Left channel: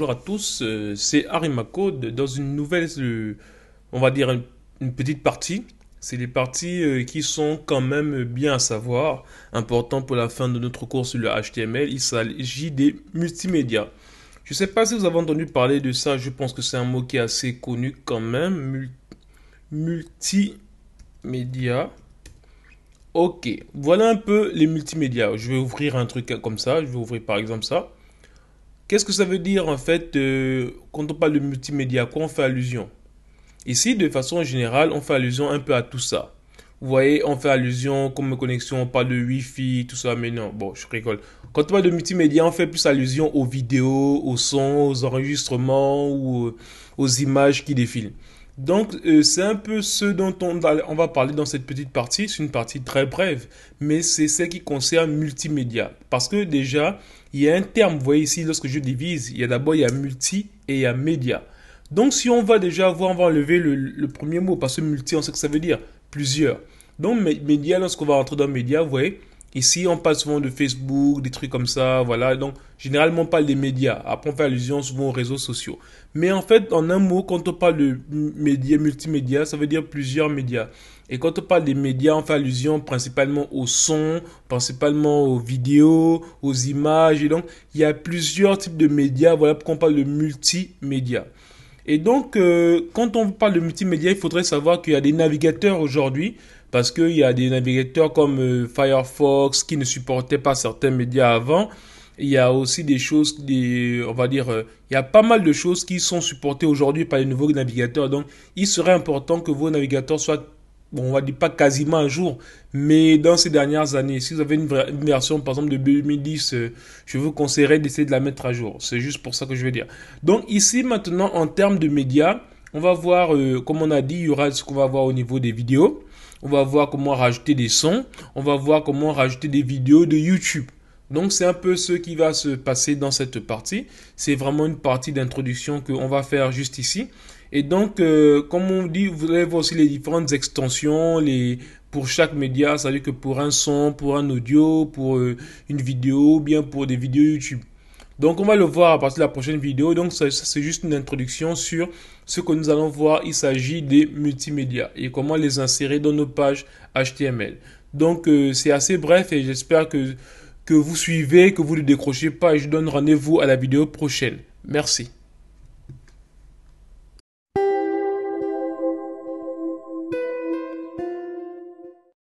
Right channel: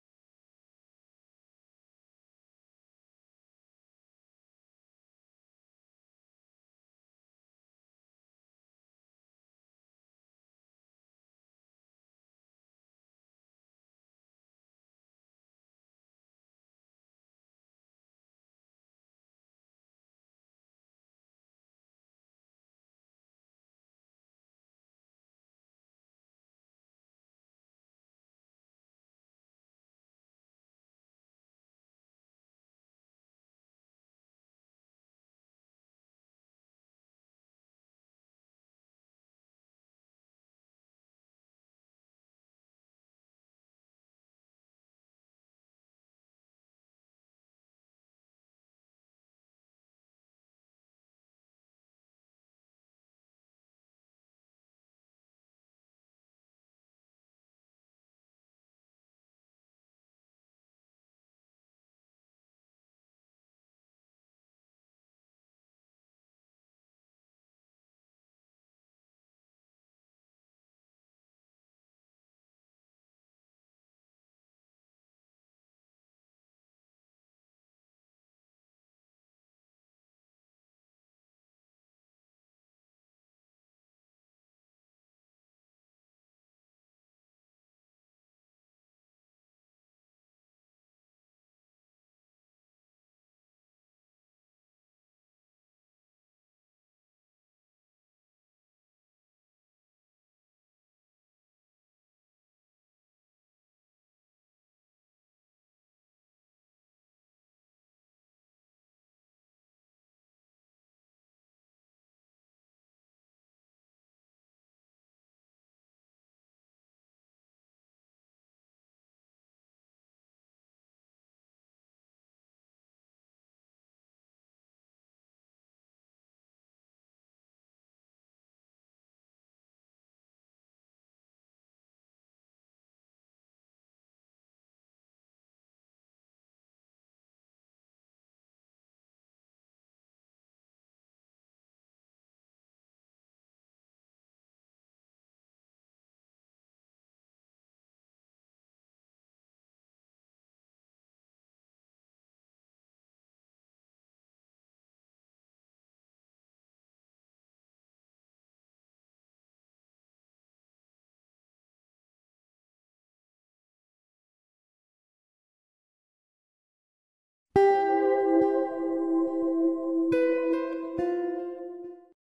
Bonjour à tous, c'est Arimako dans une nouvelle, on va dire une petite partie. C'est des parties qui sont quand même bien à savoir, important pour la fin de notre cours sur le HTML. Il s'agit des multimédias. Je ne sais pas si vous avez entendu parler de ça, je pense que c'est un mot qui est assez connu quand même. Multimédia. Ok, voilà un peu les multimédias. Je vais ouvrir un truc comme ça, je vais ouvrir par exemple ça. Qu'est-ce que ça veut dire en fait quand on parle de multimédia? À quoi on fait allusion? Ici, de façon générale, on fait allusion un peu à tout ça. Vous voyez, on fait allusion, comme connexion, on parle de Wi-Fi, tout ça, mais non, bon, je rigole. Quand on parle de multimédia, on fait plus allusion aux vidéos, aux sons, aux enregistrements ou aux images qui défilent. Donc, c'est un peu ce dont on va parler dans cette petite partie. C'est une partie très brève, mais c'est celle qui concerne multimédia. Parce que déjà, il y a un terme, vous voyez ici, lorsque je divise, il y a multi et il y a média. Donc, si on va déjà voir, on va enlever le premier mot, parce que multi, on sait que ça veut dire plusieurs. Donc, média, lorsqu'on va rentrer dans média, vous voyez, ici, on parle souvent de Facebook, des trucs comme ça, voilà. Donc, généralement, on parle des médias. Après, on fait allusion souvent aux réseaux sociaux. Mais en fait, en un mot, quand on parle de médias, multimédia, ça veut dire plusieurs médias. Et quand on parle des médias, on fait allusion principalement au son, principalement aux vidéos, aux images. Et donc, il y a plusieurs types de médias. Voilà pourquoi on parle de multimédia. Et donc, quand on parle de multimédia, il faudrait savoir qu'il y a des navigateurs aujourd'hui, parce qu'il y a des navigateurs comme Firefox qui ne supportaient pas certains médias avant. Il y a aussi des choses, on va dire, il y a pas mal de choses qui sont supportées aujourd'hui par les nouveaux navigateurs. Donc, il serait important que vos navigateurs soient, bon, on va dire pas quasiment à jour, mais dans ces dernières années, si vous avez une version, par exemple, de 2010, je vous conseillerais d'essayer de la mettre à jour. C'est juste pour ça que je veux dire. Donc, ici, maintenant, en termes de médias, on va voir, comme on a dit, il y aura ce qu'on va voir au niveau des vidéos. On va voir comment rajouter des sons. On va voir comment rajouter des vidéos de YouTube. Donc, c'est un peu ce qui va se passer dans cette partie. C'est vraiment une partie d'introduction qu'on va faire juste ici. Et donc, comme on dit, vous allez voir aussi les différentes extensions, pour chaque média, c'est-à-dire que pour un son, pour un audio, pour une vidéo, ou bien pour des vidéos YouTube. Donc, on va le voir à partir de la prochaine vidéo. Donc, ça c'est juste une introduction sur ce que nous allons voir. Il s'agit des multimédias et comment les insérer dans nos pages HTML. Donc, c'est assez bref et j'espère que vous suivez, que vous ne décrochez pas et je donne rendez-vous à la vidéo prochaine. Merci.